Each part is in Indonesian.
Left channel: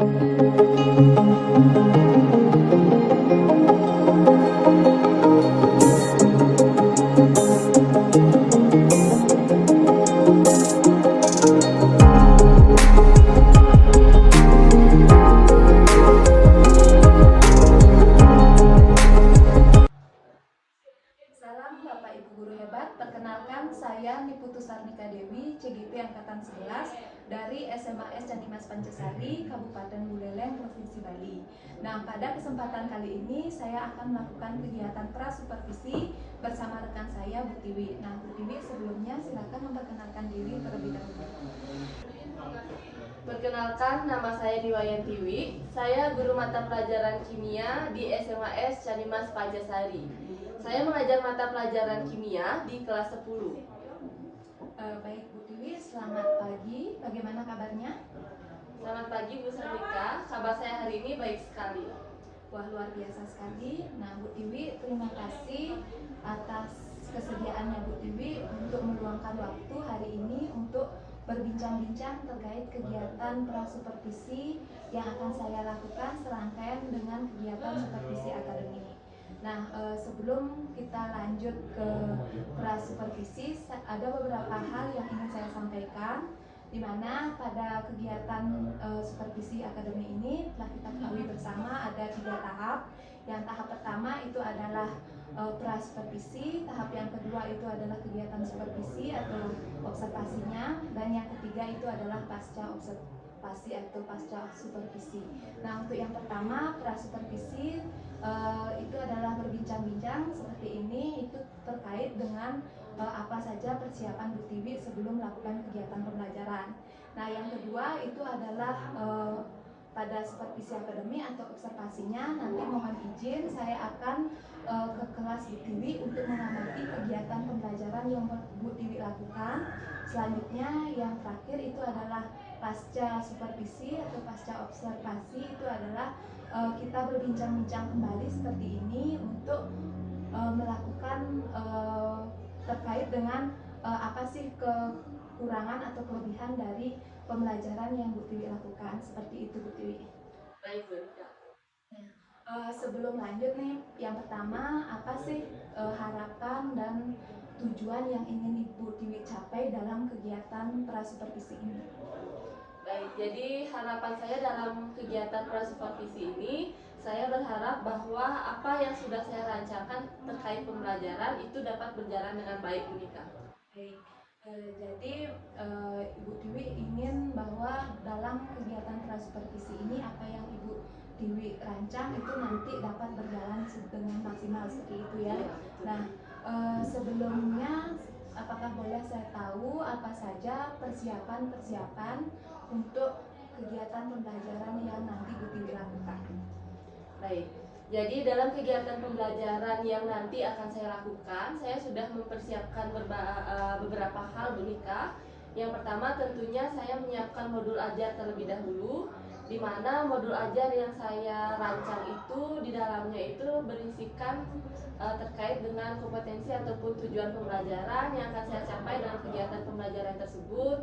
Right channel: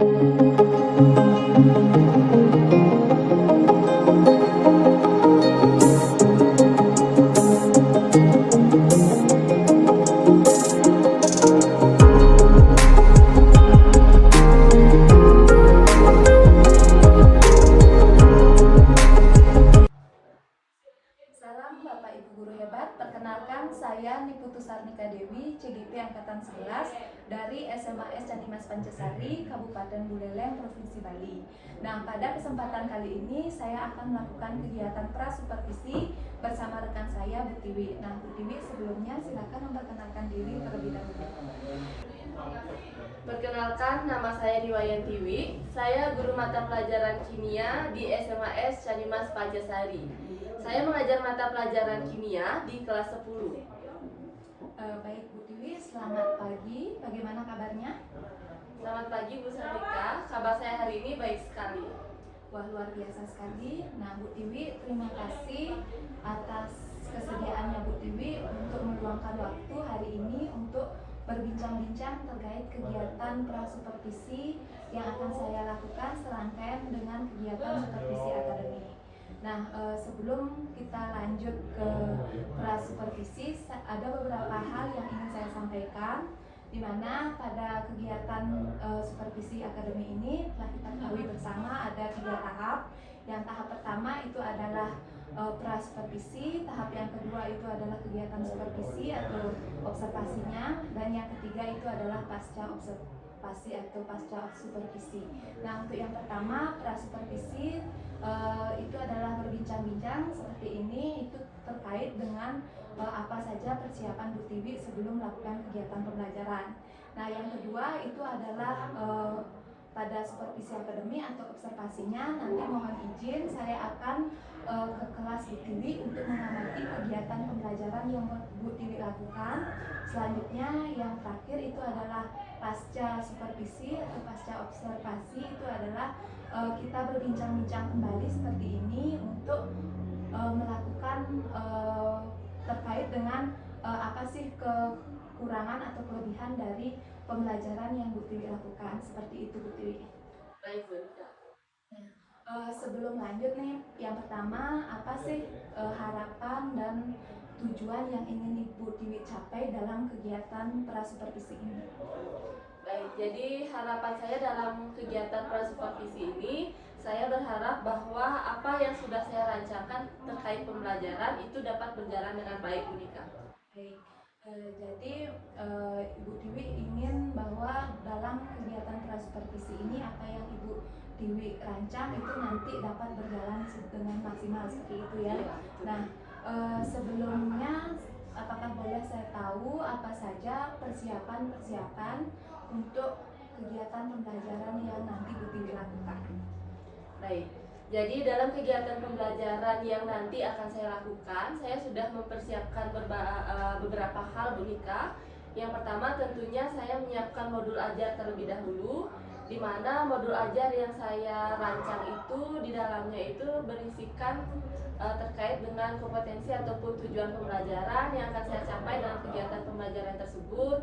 Salam Bapak Ibu Guru hebat, perkenalkan saya Niputu Sarnika Dewi, CGP Angkatan 11 dari SMAS Canimas Pancasari, Kabupaten Buleleng, Provinsi Bali. Nah, pada kesempatan kali ini saya akan melakukan kegiatan prasupervisi bersama rekan saya Bu Tiwi. Nah, Bu Tiwi sebelumnya silakan memperkenalkan diri terlebih dahulu. Perkenalkan, nama saya Riwayan Tiwi. Saya guru mata pelajaran kimia di SMAS Canimas Pancasari. Saya mengajar mata pelajaran kimia di kelas 10. Baik Bu Tiwi, selamat pagi. Bagaimana kabarnya? Selamat pagi Bu Sarnika, kabar saya hari ini baik sekali. Wah, luar biasa sekali. Nah, Bu Tiwi, terima kasih atas kesediaannya Bu Tiwi untuk meluangkan waktu hari ini untuk berbincang-bincang terkait kegiatan prasupervisi yang akan saya lakukan serangkaian dengan kegiatan supervisi akademik. Nah, sebelum kita lanjut ke prasupervisi, ada beberapa hal yang ingin saya sampaikan, di mana pada kegiatan supervisi akademi ini telah kita ketahui bersama ada 3 tahap. Yang tahap pertama itu adalah prasupervisi, tahap yang kedua itu adalah kegiatan supervisi atau observasinya, dan yang ketiga itu adalah pasca observasi atau pasca supervisi. Nah, untuk yang pertama prasupervisi itu adalah berbincang-bincang seperti ini, itu terkait dengan apa saja persiapan Bu Tiwi sebelum melakukan kegiatan pembelajaran. Nah, yang kedua itu adalah pada supervisi akademi atau observasinya, nanti mohon izin saya akan ke kelas Bu Tiwi untuk mengamati kegiatan pembelajaran yang Bu Tiwi lakukan. Selanjutnya yang terakhir itu adalah pasca supervisi atau pasca observasi, itu adalah kita berbincang-bincang kembali seperti ini untuk melakukan terkait dengan apa sih kekurangan atau kelebihan dari pembelajaran yang Bu Tiwi lakukan. Seperti itu Bu Tiwi. Baik Bu Rika. Sebelum lanjut nih, yang pertama apa sih harapan dan tujuan yang ingin Ibu Tiwi capai dalam kegiatan prasupervisi ini? Baik, jadi harapan saya dalam kegiatan prasupervisi ini, saya berharap bahwa apa yang sudah saya rancangkan terkait pembelajaran itu dapat berjalan dengan baik Bu Rika. Baik, jadi Ibu Tiwi ingin bahwa dalam kegiatan prasupervisi ini apa yang Ibu Tiwi rancang itu nanti dapat berjalan dengan maksimal seperti itu ya. Nah, sebelumnya apakah boleh saya tahu apa saja persiapan untuk kegiatan pembelajaran yang nanti Bu Tiwi lakukan? Baik, jadi dalam kegiatan pembelajaran yang nanti akan saya lakukan, saya sudah mempersiapkan beberapa hal Bu Nika. Yang pertama tentunya saya menyiapkan modul ajar terlebih dahulu, di mana modul ajar yang saya rancang itu di dalamnya itu berisikan terkait dengan kompetensi ataupun tujuan pembelajaran yang akan saya capai dalam kegiatan pembelajaran tersebut.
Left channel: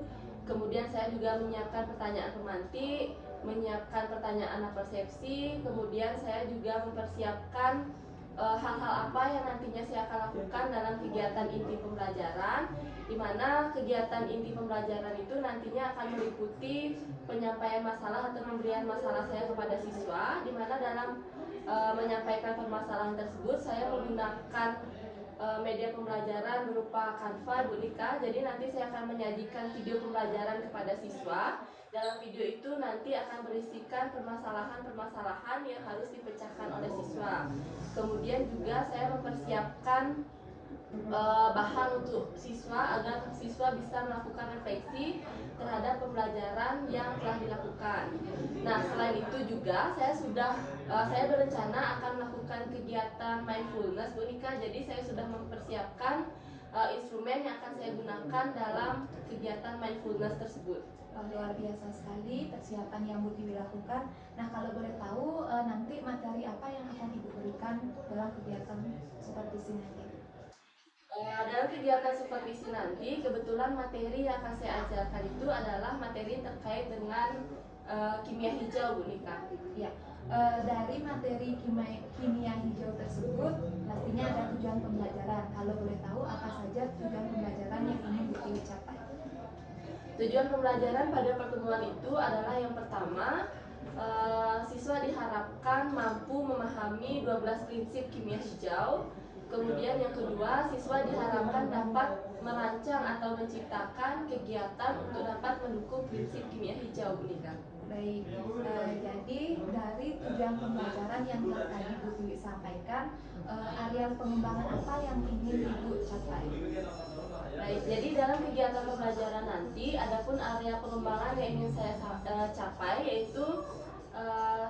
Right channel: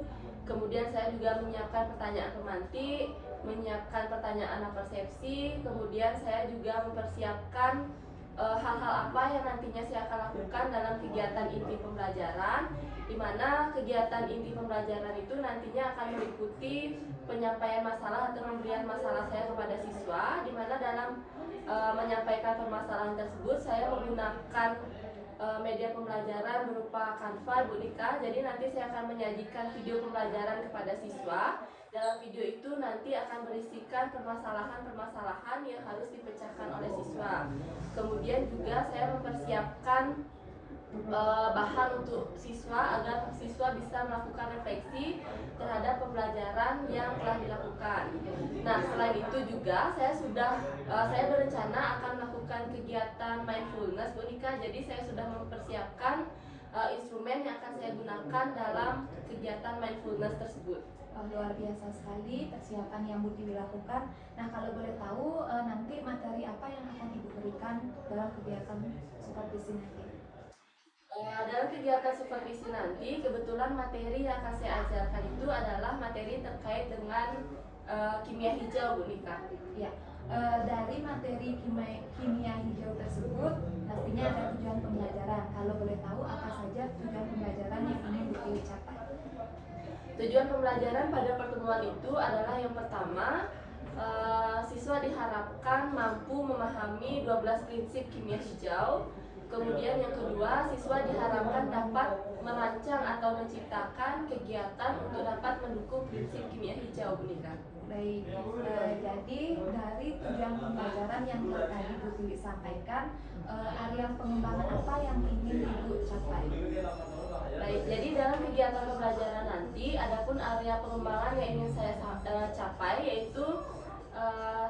Kemudian saya juga menyiapkan pertanyaan pemantik, menyiapkan pertanyaan persepsi, kemudian saya juga mempersiapkan hal-hal apa yang nantinya saya akan lakukan dalam kegiatan inti pembelajaran, di mana kegiatan inti pembelajaran itu nantinya akan meliputi penyampaian masalah atau pemberian masalah saya kepada siswa, di mana dalam menyampaikan permasalahan tersebut saya menggunakan media pembelajaran berupa Canva Bu Nika. Jadi nanti saya akan menyajikan video pembelajaran kepada siswa. Dalam video itu nanti akan berisikan permasalahan-permasalahan yang harus dipecahkan oleh siswa. Kemudian juga saya mempersiapkan bahan untuk siswa agar siswa bisa melakukan refleksi terhadap pembelajaran yang telah dilakukan. Nah, selain itu juga saya berencana akan melakukan kegiatan mindfulness Bu Nika. Jadi saya sudah mempersiapkan instrumen yang akan saya gunakan dalam kegiatan mindfulness tersebut. Luar biasa sekali persiapan yang Bu Tiwi lakukan. Nah, kalau boleh tahu nanti materi apa yang akan Ibu berikan dalam kegiatan supervisi nanti? Dalam kegiatan supervisi nanti, kebetulan materi yang akan saya ajarkan itu adalah materi terkait dengan kimia hijau, Bu Nika. Ya, dari materi kimia hijau tersebut pastinya ada tujuan pembelajaran. Kalau boleh tahu apa saja tujuan pembelajaran yang ingin Bu Tiwi capai? Tujuan pembelajaran pada pertemuan itu adalah yang pertama, siswa diharapkan mampu memahami 12 prinsip kimia hijau. Kemudian yang kedua, siswa diharapkan dapat merancang atau menciptakan kegiatan untuk dapat mendukung prinsip kimia hijau, Bu Nika. Baik, jadi dari tujuan pembelajaran yang tadi Bu Tiwi sampaikan, area pengembangan apa yang ingin Ibu capai? Baik, jadi dalam kegiatan pembelajaran nanti, adapun area pengembangan yang ingin saya capai yaitu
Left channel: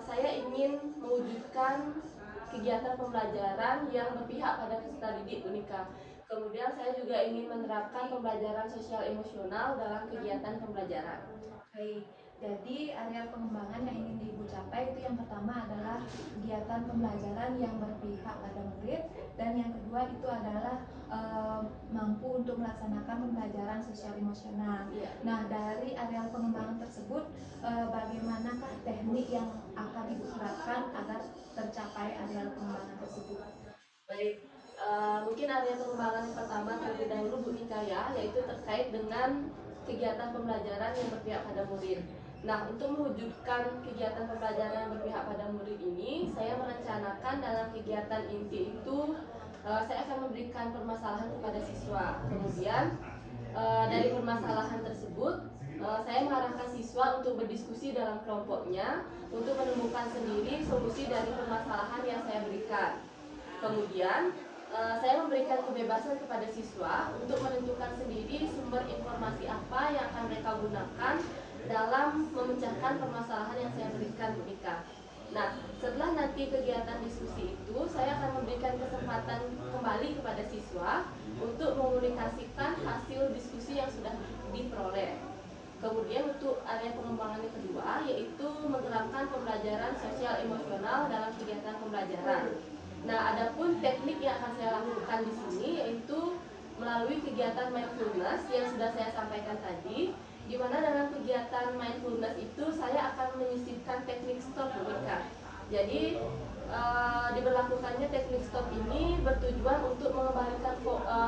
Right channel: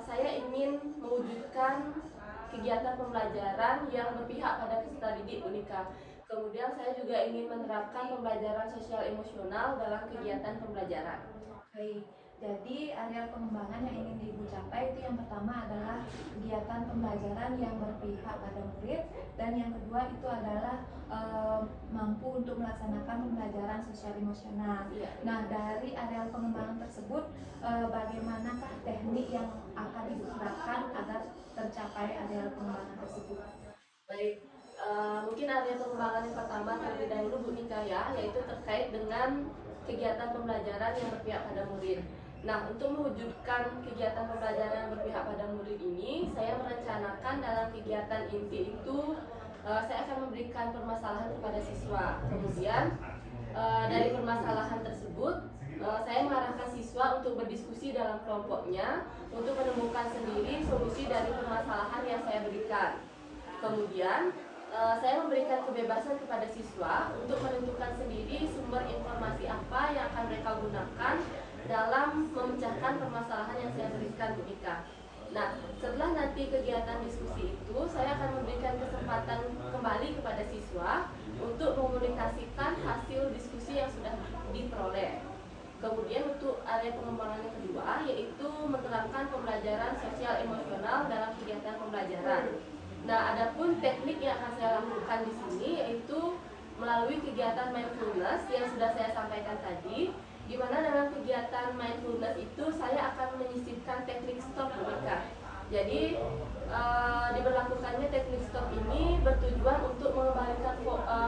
saya ingin mewujudkan kegiatan pembelajaran yang berpihak pada peserta didik, Bu Nika. Kemudian saya juga ingin menerapkan pembelajaran sosial emosional dalam kegiatan pembelajaran. Baik, jadi area pengembangan yang ingin Ibu capai itu yang pertama adalah kegiatan pembelajaran yang berpihak pada murid, dan yang kedua itu adalah mampu untuk melaksanakan pembelajaran sosial emosional. Nah, dari area pengembangan tersebut, bagaimanakah teknik yang akan Ibu terapkan agar tercapai area pengembangan tersebut? Baik, mungkin area pengembangan yang pertama terlebih dahulu, Bu Nika, ya, yaitu terkait dengan kegiatan pembelajaran yang berpihak pada murid. Nah, untuk mewujudkan kegiatan pembelajaran yang berpihak pada murid ini, saya merencanakan dalam kegiatan inti itu saya akan memberikan permasalahan kepada siswa. Kemudian dari permasalahan tersebut, saya mengarahkan siswa untuk berdiskusi dalam kelompoknya untuk menemukan sendiri solusi dari permasalahan yang saya berikan. Kemudian saya memberikan kebebasan kepada siswa untuk menentukan sendiri sumber informasi apa yang akan mereka gunakan dalam memecahkan permasalahan yang saya berikan, Bu Nika. Nah, setelah nanti kegiatan diskusi itu, saya akan memberikan kesempatan kembali kepada siswa untuk mengomunikasikan hasil diskusi yang sudah diperoleh. Kemudian untuk area pengembangan yang kedua, yaitu menerapkan pembelajaran sosial emosional dalam kegiatan pembelajaran. Nah, adapun teknik yang akan saya lakukan di sini yaitu melalui kegiatan mindfulness yang sudah saya sampaikan tadi, di mana dalam kegiatan mindfulness itu saya akan menyisipkan teknik stop, Bu Nika. Jadi diberlakukannya teknik stop ini bertujuan untuk mengembalikan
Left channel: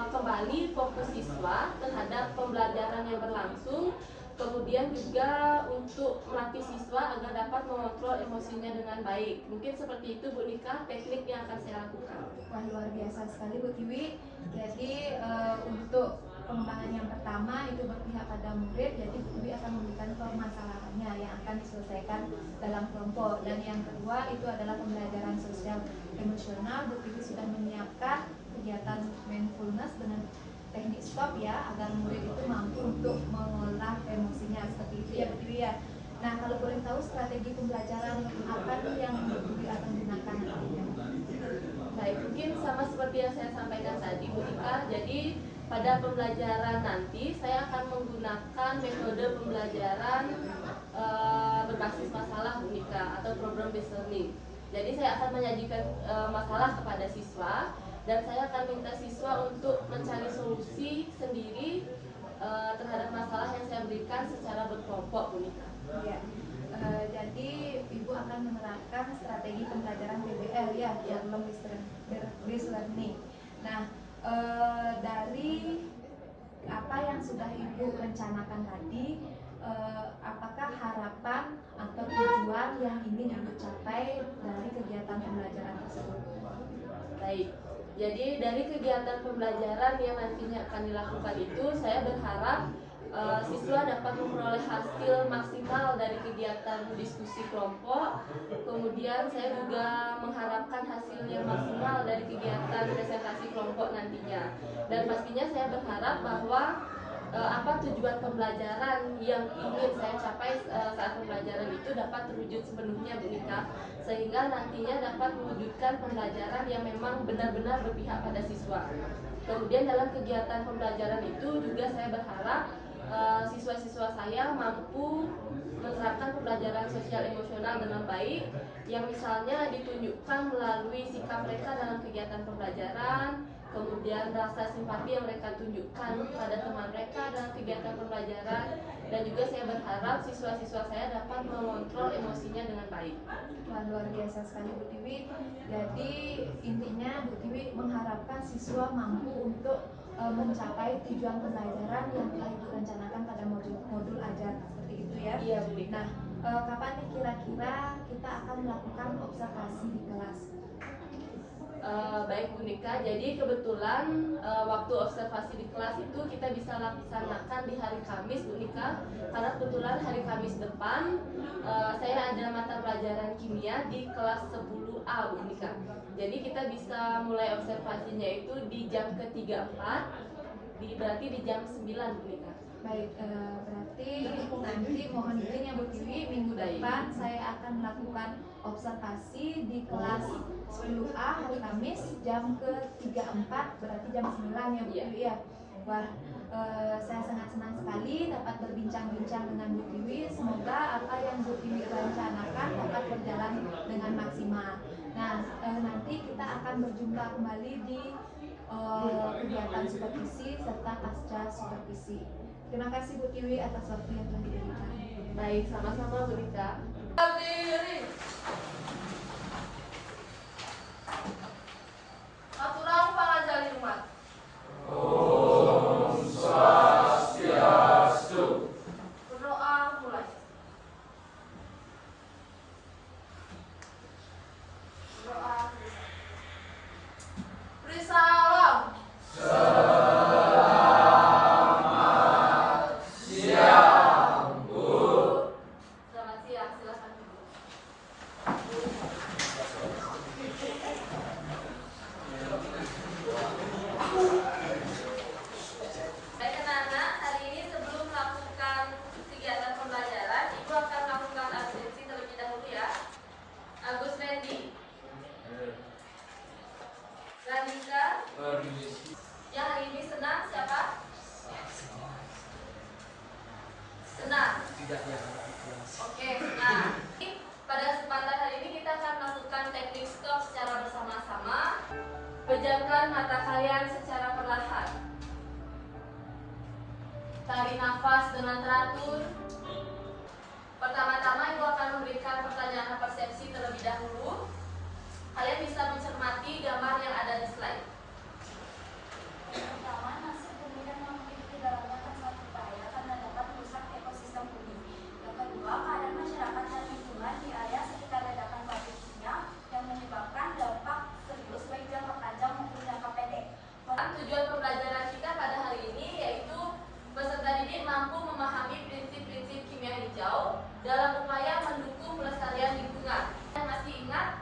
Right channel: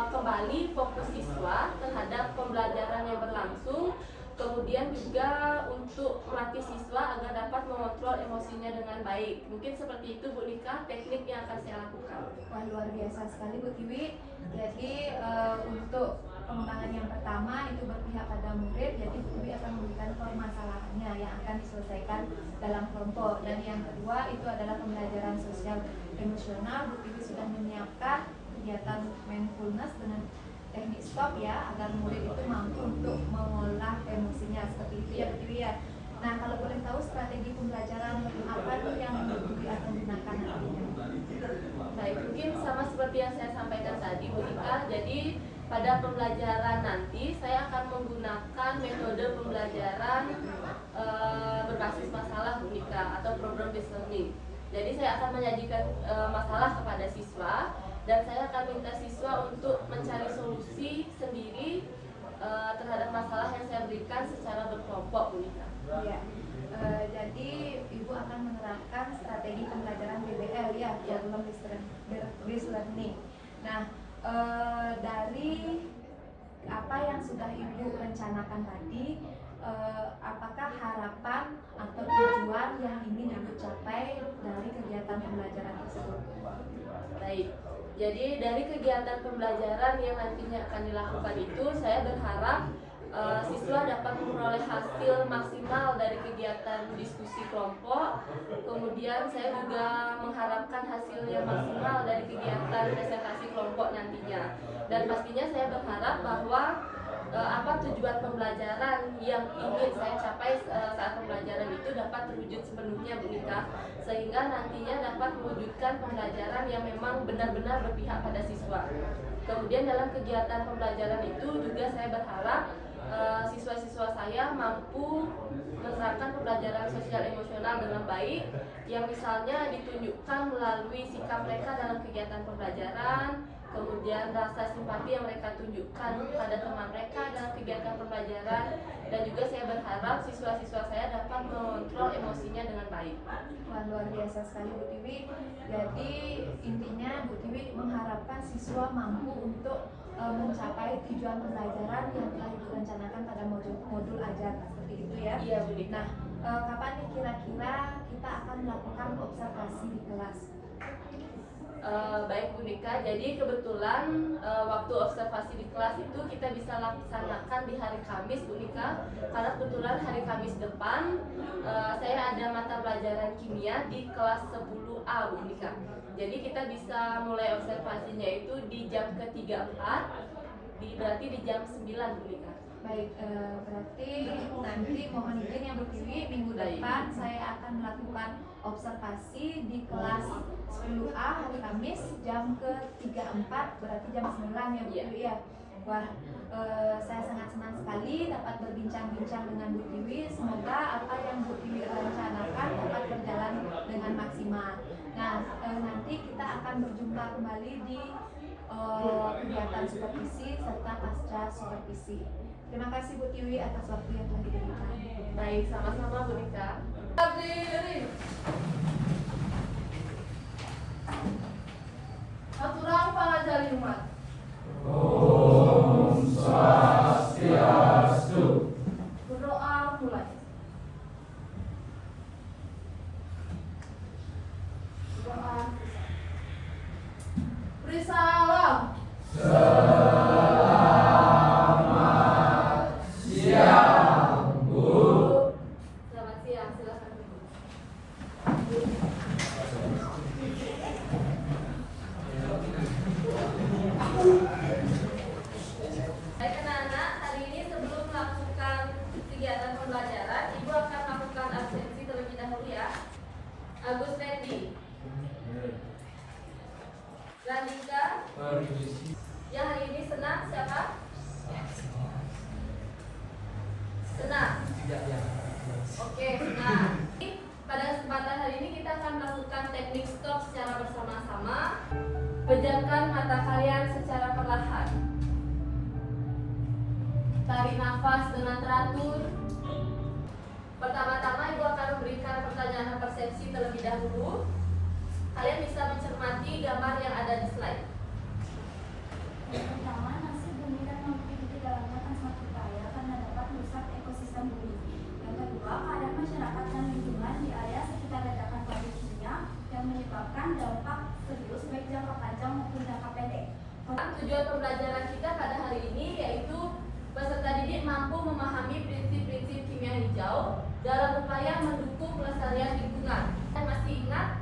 kembali fokus siswa terhadap pembelajaran yang berlangsung. Kemudian juga untuk melatih siswa agar dapat mengontrol emosinya dengan baik. Mungkin seperti itu, Bu Nika, teknik yang akan saya lakukan. Wah, luar biasa sekali, Bu Tiwi. Jadi untuk pengembangan yang pertama itu berpihak pada murid, jadi Bu Tiwi akan memberikan permasalahannya yang akan diselesaikan dalam kelompok. Dan yang kedua itu adalah pembelajaran sosial emosional. Bu Tiwi sudah menyiapkan kegiatan mindfulness dengan teknik stop ya, agar murid itu mampu untuk mengolah emosinya, seperti itu ya, Bu Tiwi ya. Nah, kalau boleh tahu strategi pembelajaran apa tuh yang Bu Tiwi akan gunakan nantinya? Baik, mungkin sama seperti yang saya sampaikan tadi, Bu Nika. Jadi pada pembelajaran nanti saya akan menggunakan metode pembelajaran berbasis masalah, Bu Nika, atau problem based learning. Jadi saya akan menyajikan masalah kepada siswa, dan saya akan minta siswa untuk mencari solusi sendiri terhadap masalah yang saya berikan secara berkelompok, Bu Nika. Ya, jadi Ibu akan menerapkan strategi pembelajaran BBL ya, problem based learning. Nah, dari apa yang sudah Ibu rencanakan tadi, apakah harapan atau tujuan yang ingin Ibu capai dari kegiatan pembelajaran tersebut? Baik, jadi dari kegiatan pembelajaran yang nantinya akan dilakukan itu, saya berharap siswa dapat memperoleh hasil maksimal dari kegiatan diskusi kelompok. Kemudian saya juga mengharapkan hasil yang maksimal dari kegiatan presentasi kelompok nantinya. Dan pastinya saya berharap bahwa apa tujuan pembelajaran yang ingin saya capai saat pembelajaran itu dapat terwujud sepenuhnya, Bu Nika, sehingga nantinya dapat mewujudkan pembelajaran yang memang benar-benar berpihak pada siswa. Kemudian dalam kegiatan pembelajaran itu juga saya berharap siswa-siswa saya mampu menerapkan pembelajaran sosial emosional dengan baik, yang misalnya ditunjukkan melalui sikap mereka dalam kegiatan pembelajaran, kemudian rasa simpati yang mereka tunjukkan pada teman mereka dalam kegiatan pembelajaran, dan juga saya berharap siswa-siswa saya dapat mengontrol emosinya dengan baik. Wah, luar biasa sekali Bu Tiwi. Jadi intinya Bu Tiwi mengharapkan siswa mampu untuk mencapai tujuan pembelajaran yang telah direncanakan pada modul ajar, seperti itu ya. Iya, Bu. Nah, kapan nih kira-kira kita akan melakukan observasi di kelas? Baik Bu Nika, jadi kebetulan waktu observasi di kelas itu kita bisa laksanakan di hari Kamis Bu Nika, karena kebetulan hari Kamis depan saya ada mata pelajaran kimia di kelas 10A Bu Nika. Jadi kita bisa mulai observasinya itu di jam ke-3-4, berarti di jam 9 Bu Nika. Baik, berarti nanti mohon izin ya Bu Tiwi, minggu depan saya akan melakukan observasi di kelas 10A hari Kamis jam ke-3-4, berarti jam 9 ya Bu Tiwi ya. Wah, saya sangat senang sekali dapat berbincang-bincang dengan Bu Tiwi. Semoga apa yang Bu Tiwi rencanakan dapat berjalan dengan maksimal. Nah, nanti kita akan berjumpa kembali di kegiatan supervisi serta pasca supervisi. Terima kasih Bu Tiwi atas waktu yang telah diberikan. Baik, sama-sama Bu Nika. Aturan pangajali umat. Om Swastiastu. Berdoa mulai. Doa. Beri salam. Selamat siang, Bu. Selamat siang, silakan Bu. Baik anak-anak, hari ini sebelum melakukan kegiatan pembelajaran, Ibu akan melakukan absensi terlebih dahulu ya. Agus Fendi, Radika, yang hari ini senang siapa? Senang. Oke, nah pada kesempatan hari ini kita akan melakukan teknik stop secara bersama-sama. Pejamkan mata kalian secara perlahan. Tarik nafas dengan teratur. Pertama-tama Ibu akan memberikan pertanyaan persepsi terlebih dahulu. Kalian bisa mencermati gambar yang ada di slide. Yang pertama, nasi bumi yang memiliki dalamnya akan sangat berbahaya karena dapat merusak ekosistem bumi. Yang kedua, keadaan masyarakat dan lingkungan di area sekitar ledakan pabrik kimia yang menyebabkan dampak serius baik jangka panjang maupun jangka pendek. Tujuan pembelajaran kita pada hari ini yaitu peserta didik mampu memahami prinsip-prinsip kimia hijau dalam upaya mendukung pelestarian lingkungan. Saya masih ingat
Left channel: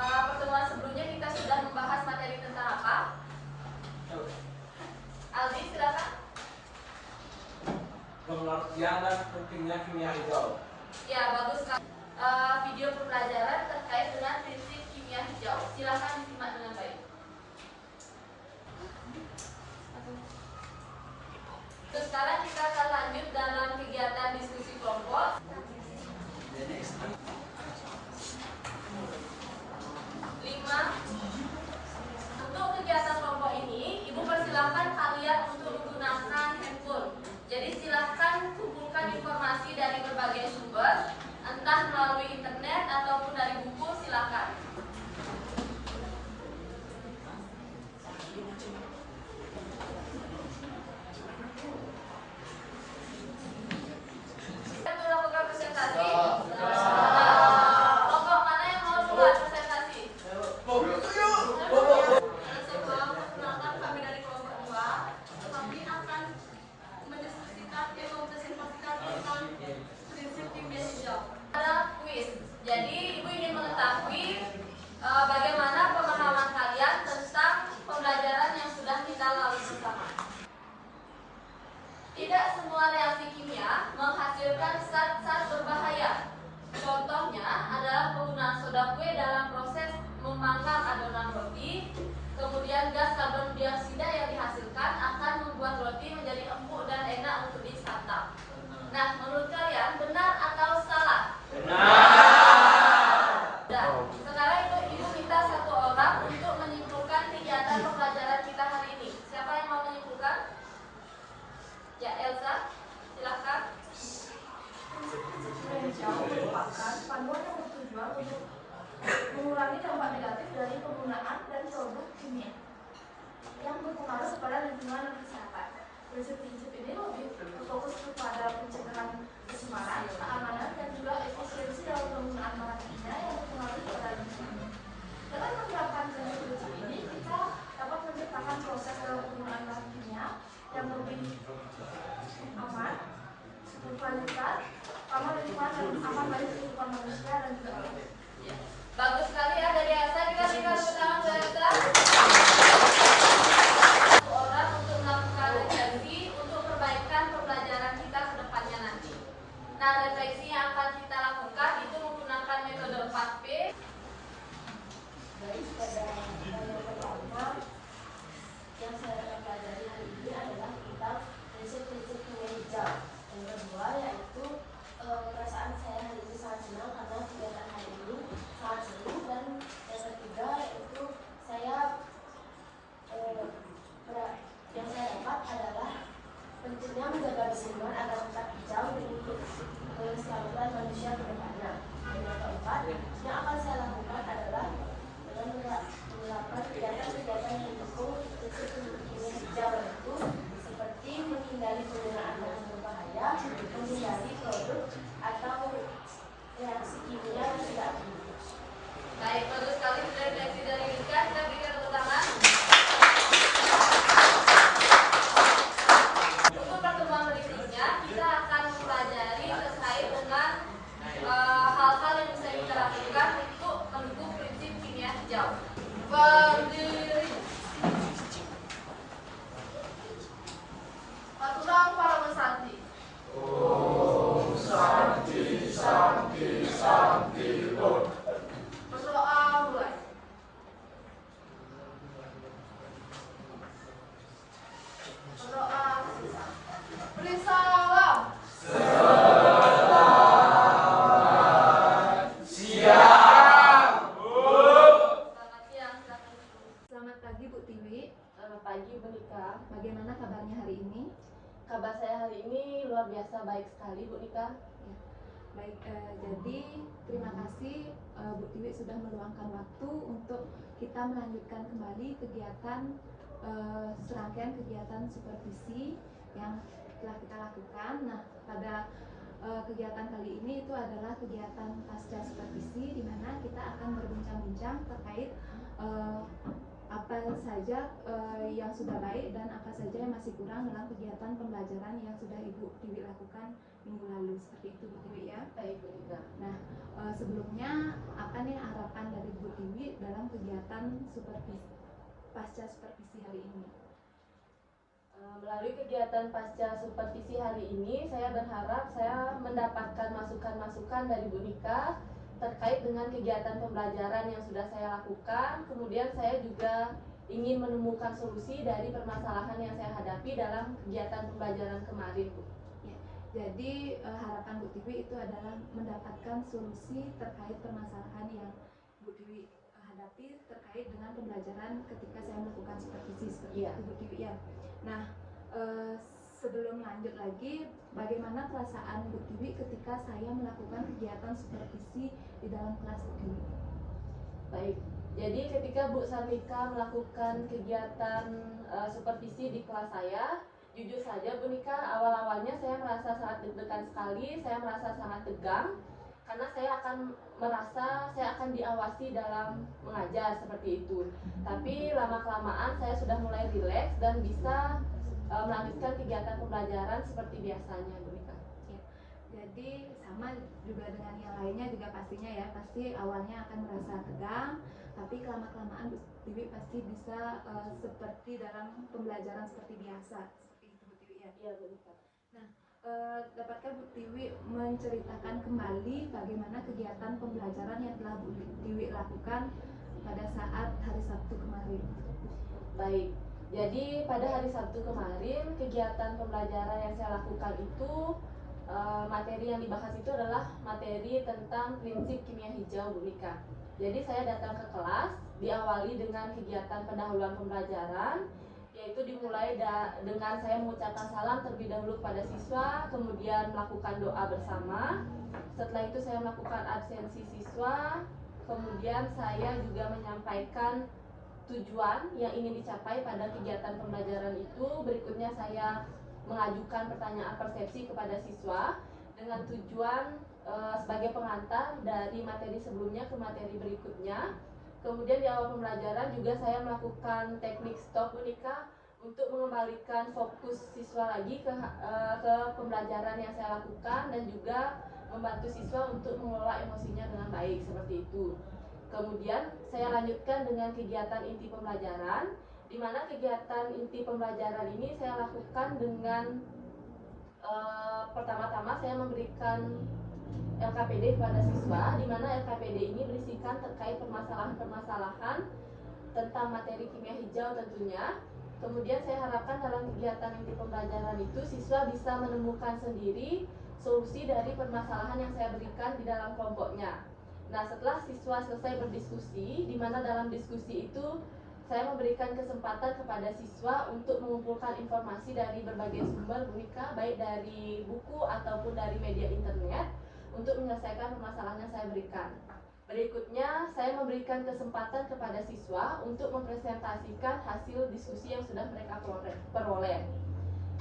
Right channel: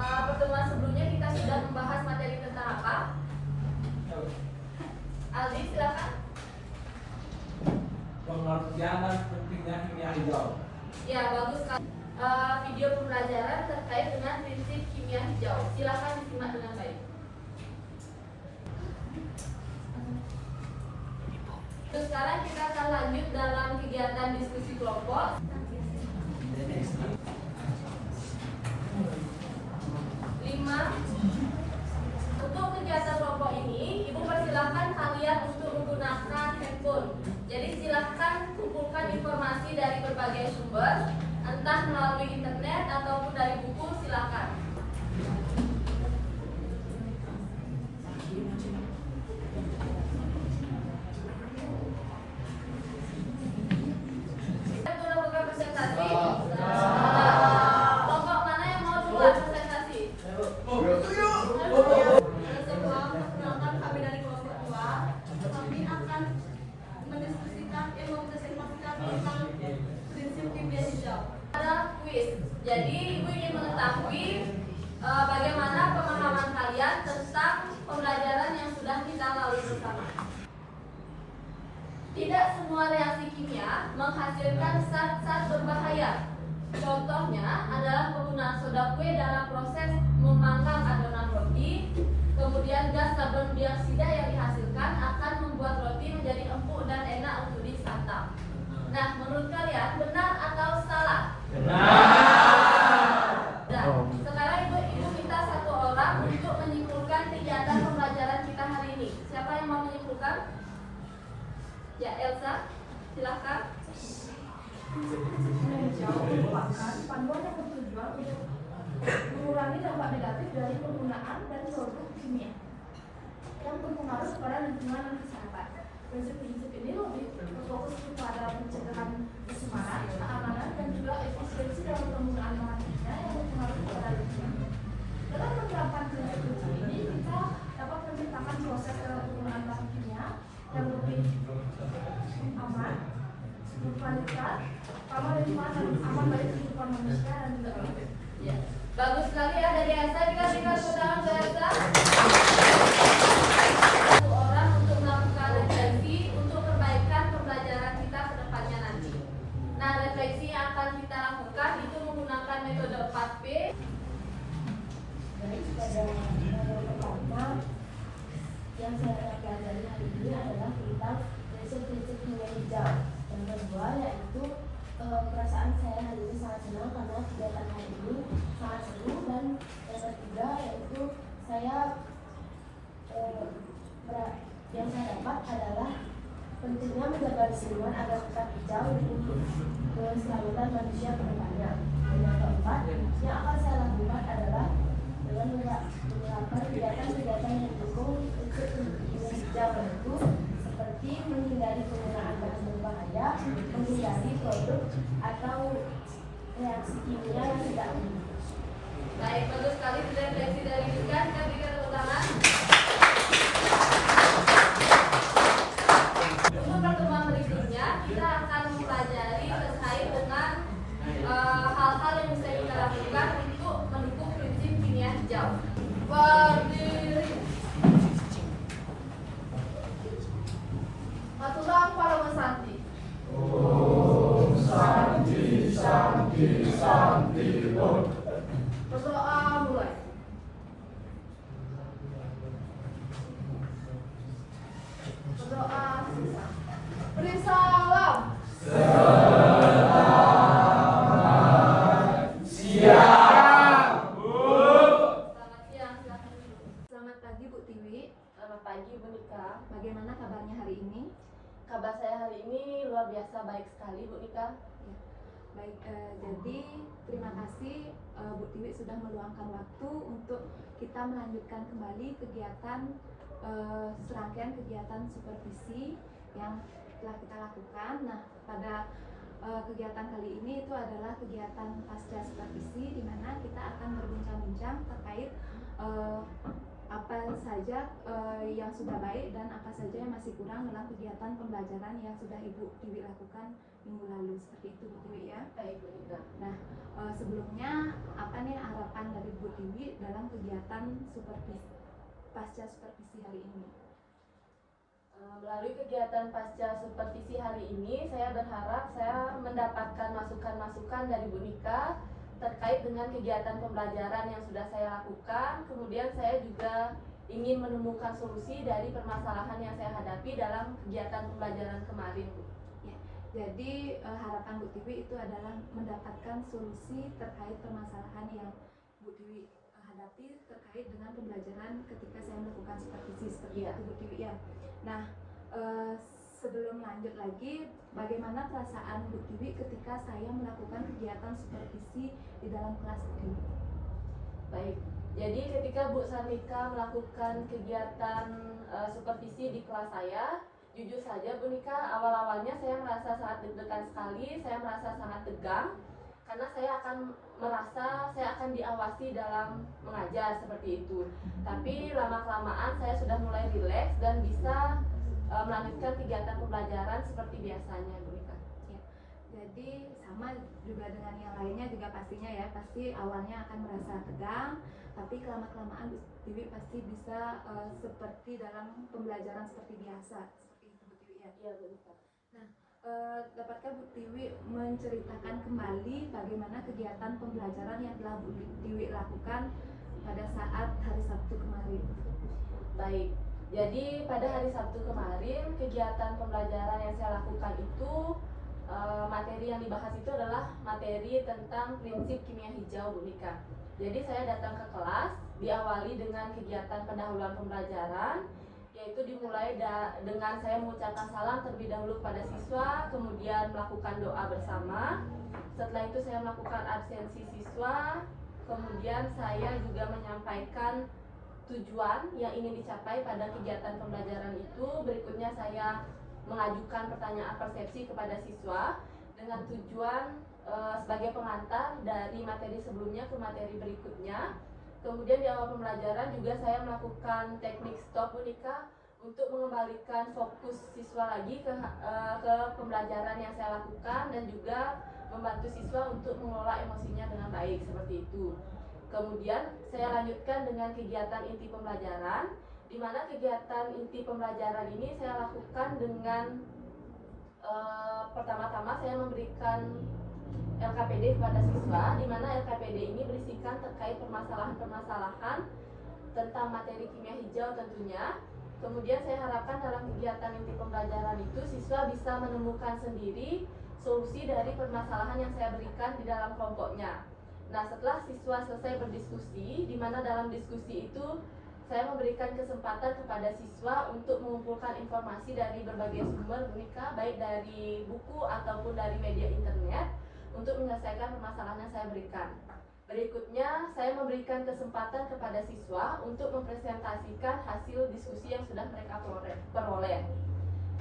pertemuan sebelumnya kita sudah membahas materi tentang apa? Aldi, silakan. Pengertian dan pentingnya kimia hijau. Ya, bagus sekali. Video pembelajaran terkait dengan prinsip kimia hijau. Silakan disimak dengan baik. Terus sekarang kita akan lanjut dalam kegiatan diskusi kelompok. 5. Untuk kegiatan kelompok ini, Ibu persilahkan kalian untuk menggunakan handphone. Jadi silahkan kumpulkan informasi dari berbagai sumber, entah melalui internet ataupun dari buku, silahkan. Kita melakukan presentasi. Kelompok mana yang mau buat presentasi? Sebelum perkenalkan kami dari kelompok 2, kami akan mendiskusikan mempresentasikan tentang prinsip kimia hijau. Ada kuis. Jadi Ibu ingin mengetahui bagaimana pemahaman kalian tentang pembelajaran yang sudah kita lalui bersama. Tidak semua reaksi kimia menghasilkan zat-zat berbahaya. Contohnya adalah penggunaan soda kue dalam proses memanggang adonan roti. Kemudian gas karbon dioksida yang dihasilkan akan membuat roti menjadi empuk dan enak untuk disantap. Nah, menurut kalian benar atau salah? Nah, sekarang ibu minta satu orang untuk menyimpulkan kegiatan pembelajaran kita hari dari penggunaan dan produk kimia yang berpengaruh pada lingkungan dan kesehatan. Prinsip-prinsip ini lebih fokus kepada pencegahan pencemaran, keamanan, dan juga efisiensi dalam penggunaan bahan kimia yang berpengaruh pada lingkungan. Dengan menerapkan prinsip-prinsip ini, kita dapat menciptakan proses dalam penggunaan bahan kimia yang lebih aman, berkualitas, ramah lingkungan, dan aman bagi kehidupan manusia dan juga orang. Bagus sekali ya dari Asa, dikasih pertama ke Asa. Orang untuk melakukan refleksi untuk perbaikan pembelajaran kita ke depannya nanti. Nah, refleksi yang akan kita lakukan itu menggunakan metode 4P. Baik, pada yang pertama yang saya akan pelajari hari ini adalah tentang prinsip-prinsip kimia hijau. Yang kedua yaitu perasaan saya hari ini sangat senang karena kegiatan hari ini sangat seru, dan yang ketiga yaitu yang saya dapat adalah pentingnya menjaga lingkungan agar tetap hijau untuk kelestarian manusia ke depannya. Dan yang keempat yang akan saya lakukan adalah dengan menerapkan kegiatan-kegiatan yang mendukung prinsip kimia hijau, yaitu seperti menghindari penggunaan bahan berbahaya, menghindari produk atau reaksi kimia yang tidak aman. Baik, bagus sekali sudah refleksi dari Nika. Kita berikan tepuk tangan. Untuk pertemuan berikutnya, kita akan mempelajari terkait dengan hal-hal yang bisa kita lakukan untuk mendukung prinsip kimia hijau. Berdiri. Matulang para mesanti. Berdoa mulai. Berdoa sisa. Beri salam. Selamat siang. Selamat pagi Bu Tiwi. Selamat pagi Bu Nika. Bagaimana kabarnya hari ini? Kabar saya hari ini luar biasa baik sekali Bu Nika. Ya. Baik, jadi terima kasih Bu Tiwi sudah meluangkan waktu untuk kita melanjutkan kembali kegiatan serangkaian kegiatan supervisi yang telah kita lakukan. Nah, pada kegiatan kali ini itu adalah kegiatan pasca supervisi, di mana kita akan berbincang-bincang terkait apa saja yang sudah baik dan apa saja yang masih kurang dalam kegiatan pembelajaran yang sudah Ibu Tiwi lakukan minggu lalu. Seperti itu Bu Tiwi ya. Baik Bu Nika. Nah, sebelumnya apa nih harapan dari Bu Tiwi dalam kegiatan pasca supervisi hari ini? Melalui kegiatan pasca supervisi hari ini, saya berharap saya mendapatkan masukan-masukan dari Bu Nika terkait dengan kegiatan pembelajaran yang sudah saya lakukan. Kemudian saya juga ingin menemukan solusi dari permasalahan yang saya hadapi dalam kegiatan pembelajaran kemarin, Bu. Ya, jadi harapan Bu Tiwi itu adalah mendapatkan solusi terkait permasalahan yang Bu Tiwi hadapi terkait dengan pembelajaran ketika saya melakukan supervisi seperti itu Bu Tiwi ya. Nah, sebelum lanjut lagi, bagaimana perasaan Bu Tiwi ketika saya melakukan kegiatan supervisi di dalam kelas Bu Tiwi? Baik, jadi ketika Bu Sarmika melakukan kegiatan supervisi di kelas saya, jujur saja Bu Nika, awal-awalnya saya merasa sangat deg-degan sekali, saya merasa sangat tegang, karena saya akan diawasi dalam mengajar seperti itu. Tapi lama-kelamaan saya sudah mulai rileks dan bisa melanjutkan kegiatan pembelajaran seperti biasanya, Bu Nika. Ya, jadi sama juga dengan yang lainnya juga pastinya ya, pasti awalnya akan merasa tegang, tapi kelama-kelamaan Bu Tiwi pasti bisa seperti dalam pembelajaran seperti biasa, seperti itu Bu Tiwi ya. Iya Bu Nika. Nah, dapatkah Bu Tiwi menceritakan kembali bagaimana kegiatan pembelajaran yang telah Bu Tiwi lakukan pada saat hari Sabtu kemarin? Baik, jadi pada hari Sabtu kemarin kegiatan pembelajaran yang saya lakukan itu materi yang dibahas itu adalah materi tentang prinsip kimia hijau Bu Nika. Jadi saya datang ke kelas diawali dengan kegiatan pendahuluan pembelajaran, yaitu dimulai dengan saya mengucapkan salam terlebih dahulu pada siswa, kemudian melakukan doa bersama. Setelah itu saya melakukan absensi siswa, kemudian saya juga menyampaikan tujuan yang ingin dicapai pada kegiatan pembelajaran itu. Berikutnya saya mengajukan pertanyaan persepsi kepada siswa dengan tujuan sebagai pengantar dari materi sebelumnya ke materi berikutnya. Kemudian di awal pembelajaran juga saya melakukan teknik stop Monika untuk mengembalikan fokus siswa lagi ke pembelajaran yang saya lakukan dan juga membantu siswa untuk mengelola emosinya dengan baik seperti itu. Kemudian saya lanjutkan dengan kegiatan inti pembelajaran, di mana kegiatan inti pembelajaran ini saya lakukan dengan pertama-tama saya memberikan LKPD kepada siswa, di mana LKPD ini berisikan terkait permasalahan-permasalahan tentang materi kimia hijau tentunya. Kemudian saya harapkan dalam kegiatan inti pembelajaran itu siswa bisa menemukan sendiri solusi dari permasalahan yang saya berikan di dalam kelompoknya. Nah, setelah siswa selesai berdiskusi, di mana dalam diskusi itu saya memberikan kesempatan kepada siswa untuk mengumpulkan informasi dari berbagai sumber Monika, baik dari buku ataupun dari media internet, untuk menyelesaikan permasalahan yang saya berikan. Berikutnya, saya memberikan kesempatan kepada siswa untuk mempresentasikan hasil diskusi yang sudah mereka peroleh.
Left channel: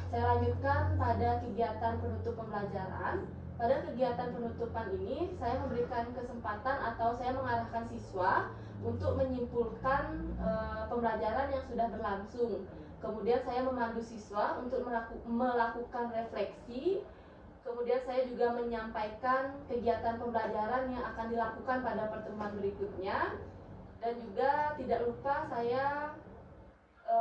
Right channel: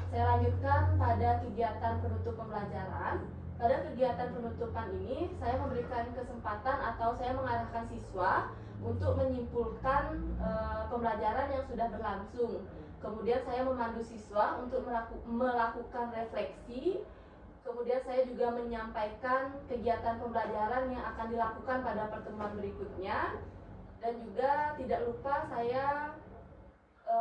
Saya lanjutkan pada kegiatan penutup pembelajaran. Pada kegiatan penutupan ini, saya memberikan kesempatan atau saya mengarahkan siswa untuk menyimpulkan pembelajaran yang sudah berlangsung. Kemudian saya memandu siswa untuk melakukan refleksi. Kemudian saya juga menyampaikan kegiatan pembelajaran yang akan dilakukan pada pertemuan berikutnya. Dan juga tidak lupa saya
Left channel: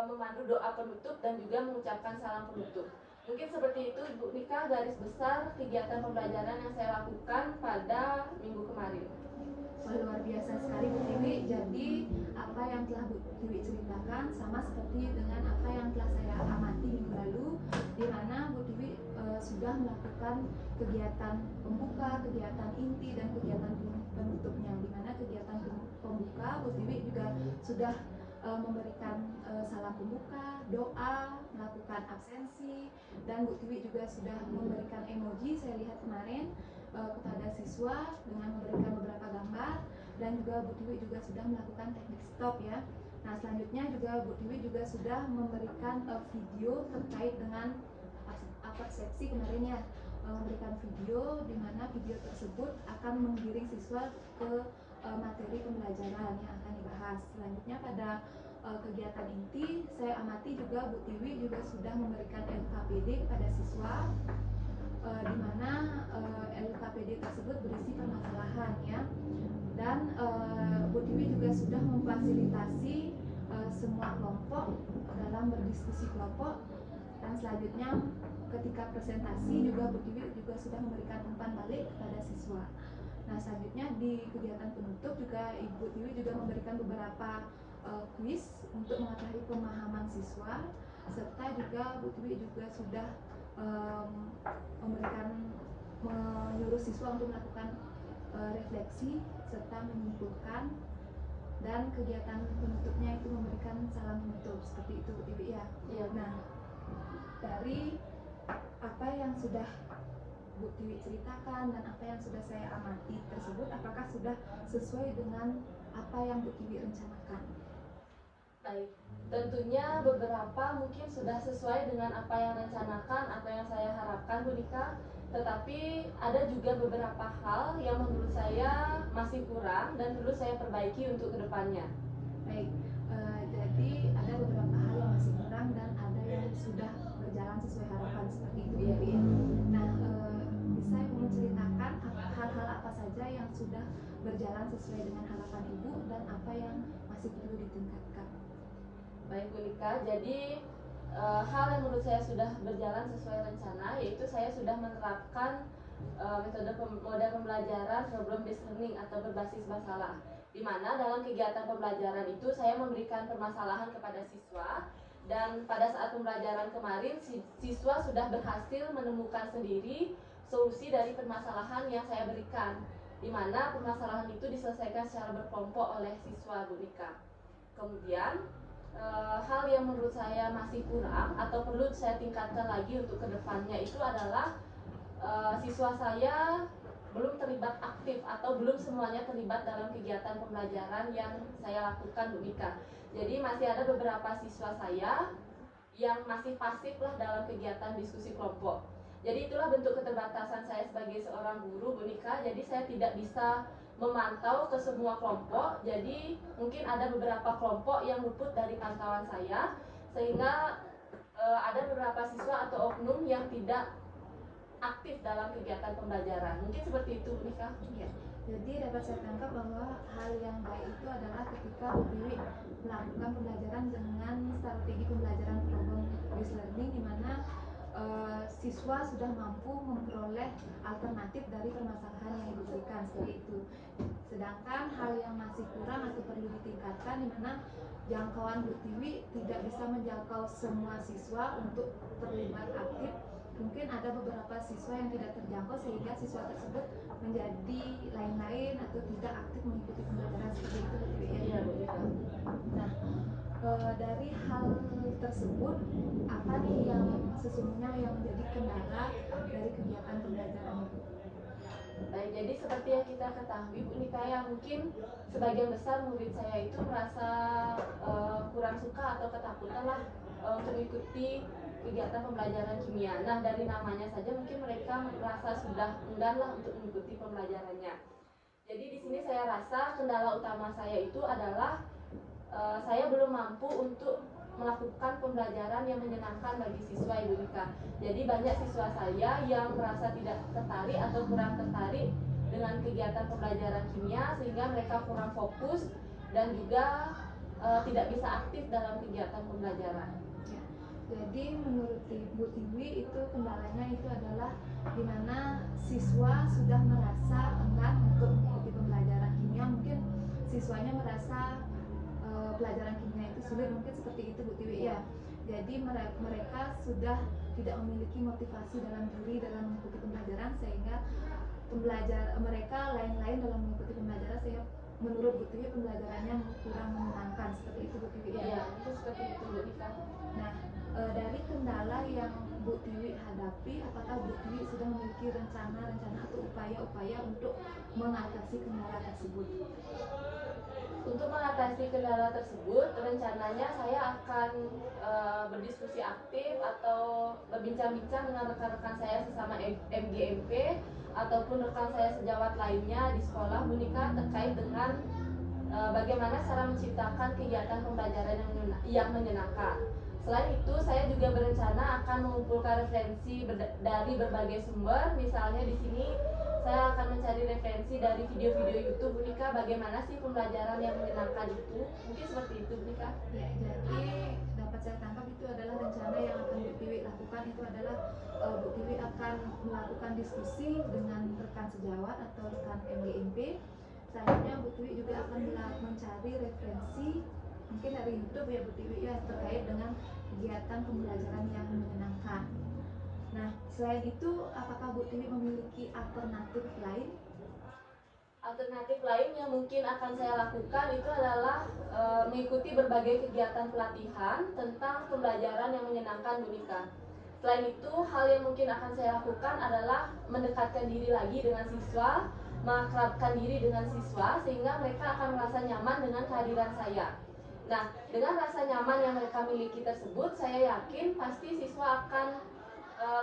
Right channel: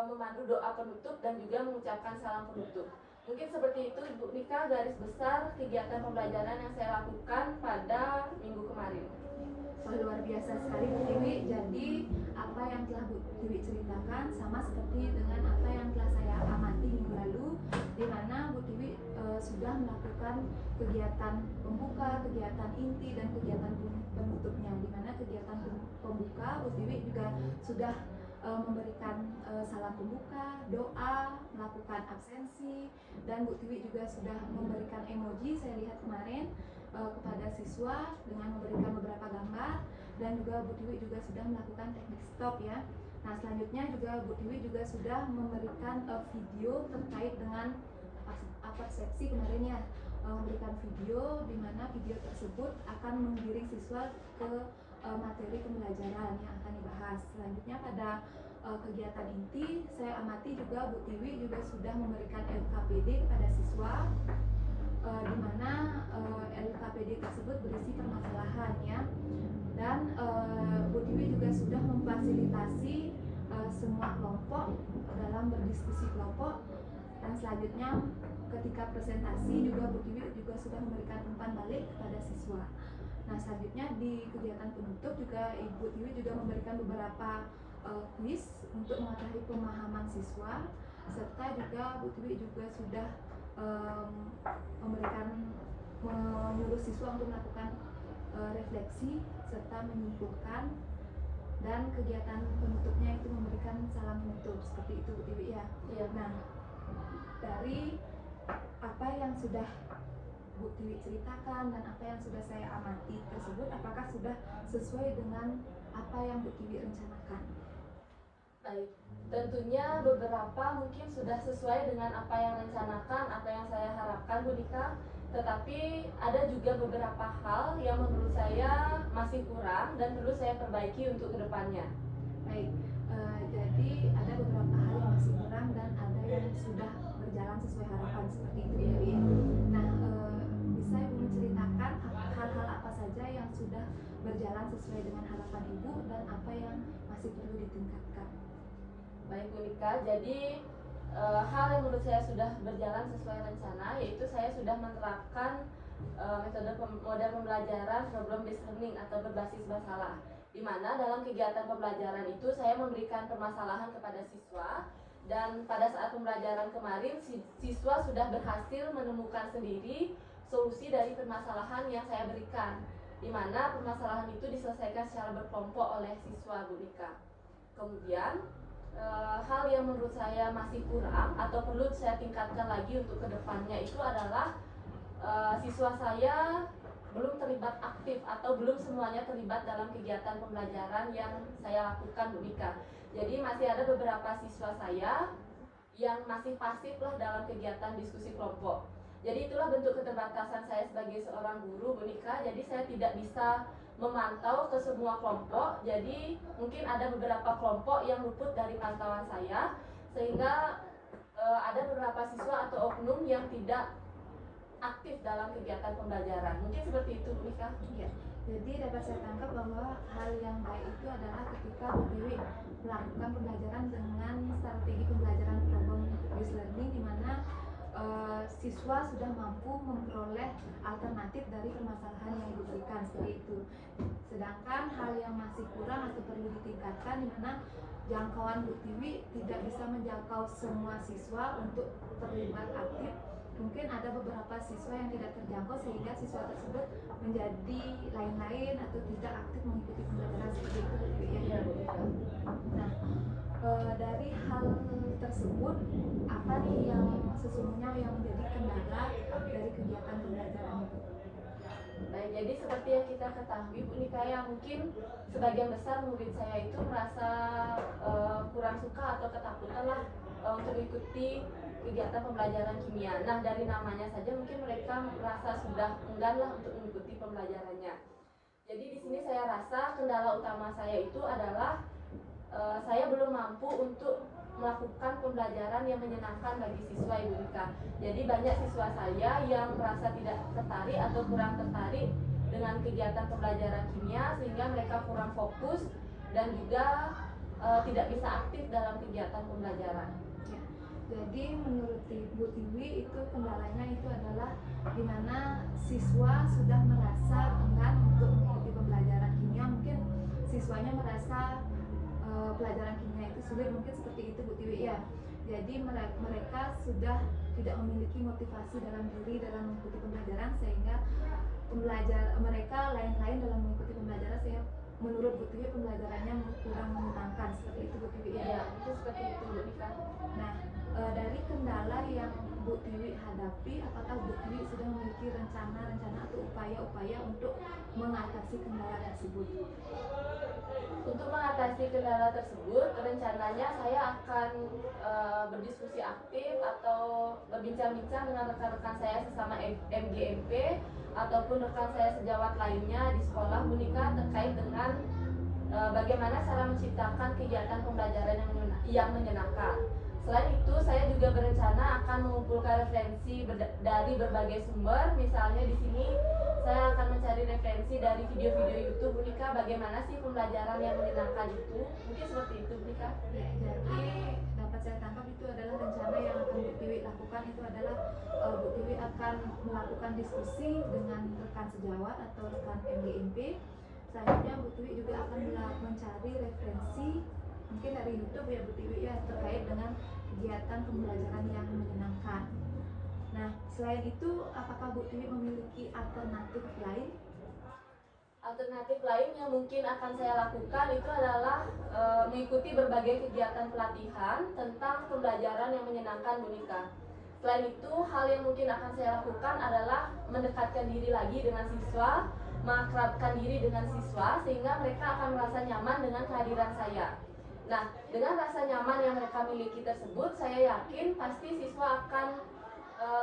memandu doa penutup dan juga mengucapkan salam penutup. Mungkin seperti itu Bu Nika garis besar kegiatan pembelajaran yang saya lakukan pada minggu kemarin. Wah, luar biasa sekali Bu Tiwi. Jadi apa yang telah Bu Tiwi ceritakan sama seperti dengan apa yang telah saya amati minggu lalu, di mana Bu Tiwi sudah melakukan kegiatan pembuka, kegiatan inti, dan kegiatan penutupnya. Di mana kegiatan pembuka Bu Tiwi juga sudah memberikan salam pembuka, doa, melakukan absensi, dan Bu Tiwi juga sudah memberikan emoji, saya lihat kemarin, kepada siswa dengan memberikan beberapa gambar, dan juga Bu Tiwi juga sudah melakukan teknik stop ya. Nah, selanjutnya juga Bu Tiwi juga sudah memberikan video terkait dengan persepsi kemarin ya, memberikan video di mana video tersebut akan menggiring siswa ke materi pembelajaran yang akan dibahas. Selanjutnya pada kegiatan inti, saya amati juga Bu Tiwi juga sudah memberikan LKPD kepada siswa, di mana LKPD tersebut berisi permasalahan ya, dan Bu Tiwi juga sudah memfasilitasi semua kelompok dalam berdiskusi kelompok, dan selanjutnya ketika presentasi juga Bu Tiwi juga sudah memberikan umpan balik kepada siswa. Nah, selanjutnya di kegiatan penutup juga Ibu Tiwi juga memberikan beberapa kuis untuk mengetahui pemahaman siswa, serta juga Bu Tiwi juga sudah menyuruh siswa untuk melakukan refleksi serta menyimpulkan, dan kegiatan penutupnya itu memberikan salam penutup seperti itu Bu Tiwi ya. Iya. Nah, dari apa yang sudah Bu Tiwi ceritakan dan apa yang sudah saya amati tersebut, apakah sudah sesuai dengan apa yang Bu Tiwi rencanakan? Baik, tentunya beberapa mungkin sudah sesuai dengan apa yang rencanakan, apa yang saya harapkan Bu Nika. Tetapi ada juga beberapa hal yang menurut saya masih kurang dan perlu saya perbaiki untuk kedepannya. Baik, jadi ada beberapa hal yang masih kurang dan ada yang sudah berjalan sesuai harapan seperti itu ya Bu ya. Nah, bisa Ibu menceritakan hal-hal apa saja yang sudah berjalan sesuai dengan harapan Ibu dan apa yang masih perlu ditingkatkan? Baik Bu Nika, jadi hal yang menurut saya sudah berjalan sesuai rencana, yaitu saya sudah menerapkan metode pembelajaran problem based learning atau berbasis masalah, di mana dalam kegiatan pembelajaran itu saya memberikan permasalahan kepada siswa, dan pada saat pembelajaran kemarin siswa sudah berhasil menemukan sendiri solusi dari permasalahan yang saya berikan, di mana permasalahan itu diselesaikan secara berkelompok oleh siswa Bu Nika. Kemudian hal yang menurut saya masih kurang atau perlu saya tingkatkan lagi untuk kedepannya itu adalah siswa saya terlibat aktif atau belum semuanya terlibat dalam kegiatan pembelajaran yang saya lakukan Bu Mika. Jadi masih ada beberapa siswa saya yang masih pasif lah dalam kegiatan diskusi kelompok. Jadi itulah bentuk keterbatasan saya sebagai seorang guru Bu Mika. Jadi saya tidak bisa memantau ke semua kelompok. Jadi mungkin ada beberapa kelompok yang luput dari pantauan saya, sehingga ada beberapa siswa atau oknum yang tidak aktif dalam kegiatan pembelajaran. Mungkin seperti itu, Bu Mika. Iya. Jadi dapat saya tangkap bahwa hal yang baik itu adalah ketika Bu Tiwi melakukan pembelajaran dengan strategi pembelajaran problem based learning, di mana siswa sudah mampu memperoleh alternatif dari permasalahan yang diberikan seperti itu. Sedangkan hal yang masih kurang atau perlu ditingkatkan, di mana jangkauan Bu Tiwi tidak bisa menjangkau semua siswa untuk terlibat aktif. Mungkin ada beberapa siswa yang tidak terjangkau sehingga siswa tersebut menjadi lain-lain atau tidak aktif mengikuti pembelajaran seperti itu, Bu Tiwi, ya. Nah, dari hal tersebut, apa nih yang sesungguhnya yang menjadi kendala dari kegiatan pembelajaran itu? Baik, jadi seperti yang kita ketahui Bu Nika, ya, mungkin sebagian besar murid saya itu merasa kurang suka atau ketakutan lah untuk mengikuti kegiatan pembelajaran kimia. Nah, dari namanya saja mungkin mereka merasa sudah enggan lah untuk mengikuti pembelajarannya. Jadi di sini saya rasa kendala utama saya itu adalah saya belum mampu untuk melakukan pembelajaran yang menyenangkan bagi siswa Ibu Nika. Jadi banyak siswa saya yang merasa tidak tertarik atau kurang tertarik dengan kegiatan pembelajaran kimia, sehingga mereka kurang fokus dan juga tidak bisa aktif dalam kegiatan pembelajaran. Ya. Jadi menurut Bu Tiwi itu kendalanya itu adalah di mana siswa sudah merasa enggan untuk mengikuti pembelajaran kimia. Mungkin siswanya merasa pelajaran kimia itu sulit, mungkin seperti itu Bu Tiwi, ya. Jadi mereka sudah tidak memiliki motivasi dalam diri dalam mengikuti pembelajaran, sehingga mereka lain-lain dalam mengikuti pembelajaran, sehingga menurut Bu Tiwi pembelajarannya kurang menyenangkan, seperti itu Bu Tiwi, ya. Ya, itu seperti itu Bu Nika. Nah, dari kendala yang Bu Tiwi hadapi, apakah Bu Tiwi sudah memiliki rencana atau upaya-upaya untuk mengatasi kendala tersebut? Untuk mengatasi kendala tersebut, rencananya saya akan berdiskusi aktif atau berbincang-bincang dengan rekan-rekan saya sesama MGMP ataupun rekan saya sejawat lainnya di sekolah Bu Nika terkait dengan bagaimana cara menciptakan kegiatan pembelajaran yang menyenangkan. Selain itu, saya juga berencana akan mengumpulkan referensi dari berbagai sumber. Misalnya di sini saya akan mencari referensi dari video-video YouTube Bu Nika, bagaimana sih pembelajaran yang menyenangkan itu. Mungkin seperti itu Bu Nika. Ya, jadi dapat saya tangkap itu adalah rencana yang akan Bu Tiwi lakukan, itu adalah Bu Tiwi akan melakukan diskusi dengan rekan sejawat atau rekan MGMP. Selanjutnya Bu Tiwi juga akan mencari referensi mungkin dari YouTube, ya Bu Tiwi, ya, terkait dengan kegiatan pembelajaran yang menyenangkan. Nah, selain itu, apakah Bu Tiwi memiliki alternatif lain? Alternatif lain yang mungkin akan saya lakukan itu adalah mengikuti berbagai kegiatan pelatihan tentang pembelajaran yang menyenangkan Bu Nika. Selain itu, hal yang mungkin akan saya lakukan adalah mendekatkan diri lagi dengan siswa, mengakrabkan diri dengan siswa, sehingga mereka akan merasa nyaman dengan kehadiran saya. Nah, dengan rasa nyaman yang mereka miliki tersebut, saya yakin pasti siswa akan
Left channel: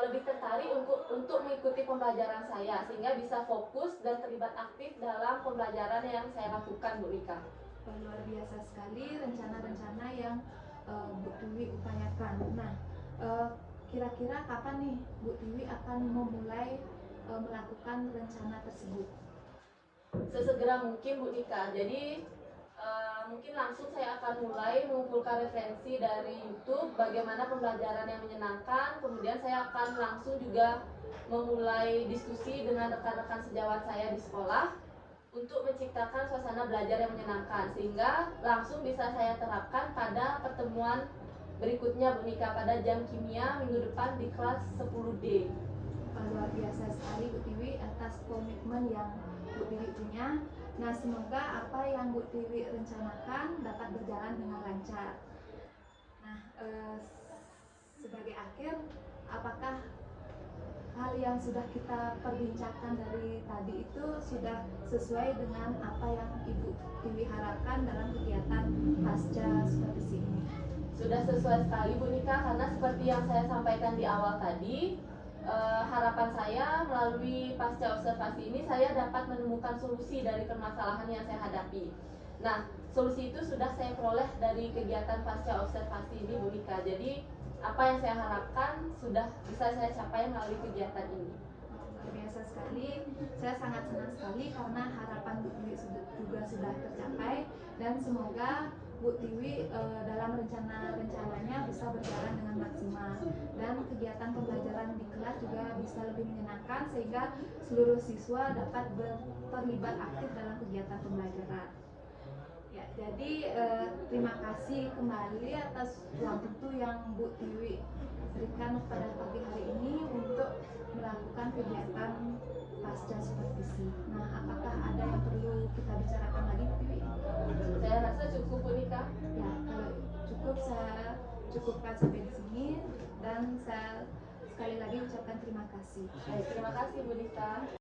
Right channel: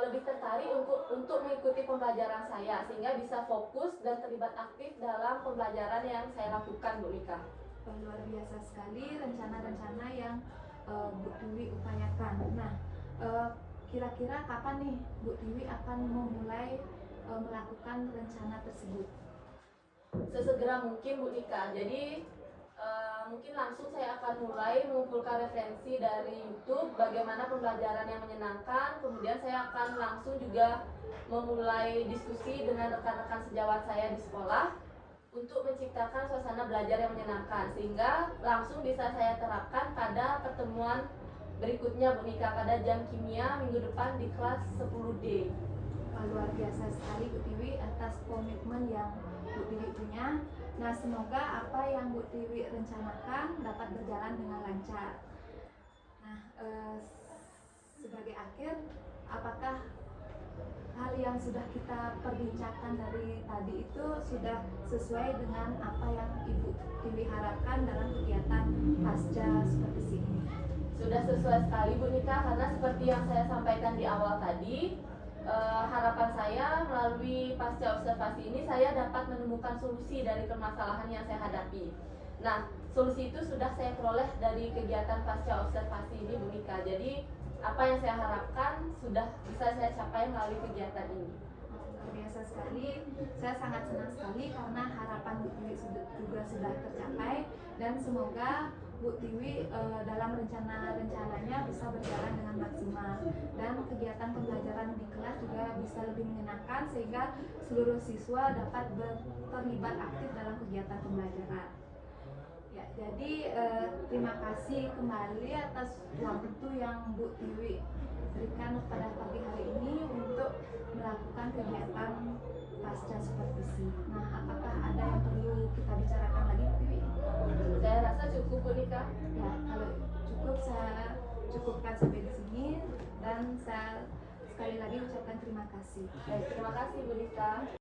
lebih tertarik untuk mengikuti pembelajaran saya, sehingga bisa fokus dan terlibat aktif dalam pembelajaran yang saya lakukan Bu Nika. Luar biasa sekali rencana-rencana yang Bu Tiwi upayakan. Nah, kira-kira kapan nih Bu Tiwi akan memulai melakukan rencana tersebut? Sesegera mungkin Bu Nika. Jadi mungkin langsung saya akan mulai mengumpulkan referensi dari YouTube bagaimana pembelajaran yang menyenangkan. Kemudian saya akan langsung juga memulai diskusi dengan rekan-rekan sejawat saya di sekolah untuk menciptakan suasana belajar yang menyenangkan, sehingga langsung bisa saya terapkan pada pertemuan berikutnya Bu Nika pada jam kimia minggu depan di kelas 10D. Luar biasa sekali Bu Tiwi atas komitmen yang Bu Tiwi punya. Nah, semoga apa yang Bu Tiwi rencanakan dapat berjalan dengan lancar. Nah, sebagai akhir, apakah hal yang sudah kita perbincangkan dari tadi itu sudah sesuai dengan apa yang Ibu Tiwi harapkan dalam kegiatan pasca supervisi ini. Sudah sesuai sekali Bu Nika, karena seperti yang saya sampaikan di awal tadi, harapan saya melalui pasca observasi ini saya dapat menemukan solusi dari permasalahan yang saya hadapi. Nah, solusi itu sudah saya peroleh dari kegiatan pasca observasi ini Bu Nika. Jadi apa yang saya harapkan sudah bisa saya capai melalui kegiatan ini. Luar biasa sekali, saya sangat senang sekali karena harapan Bu Tiwi juga sudah tercapai, dan semoga Bu Tiwi dalam rencananya bisa berjalan dengan maksimal, dan kegiatan pembelajaran di kelas juga bisa lebih menyenangkan sehingga seluruh siswa dapat terlibat aktif dalam kegiatan pembelajaran. Ya, jadi terima kasih kembali atas waktu yang Bu Tiwi berikan pada pagi hari ini untuk melakukan kegiatan pasca supervisi. Nah, apakah ada yang perlu kita bicarakan lagi, Bu Tiwi? Saya rasa cukup Bu Nika. Ya, kalau cukup saya cukupkan sampai di sini, dan saya sekali lagi ucapkan terima kasih. Baik, terima kasih Bu Nika.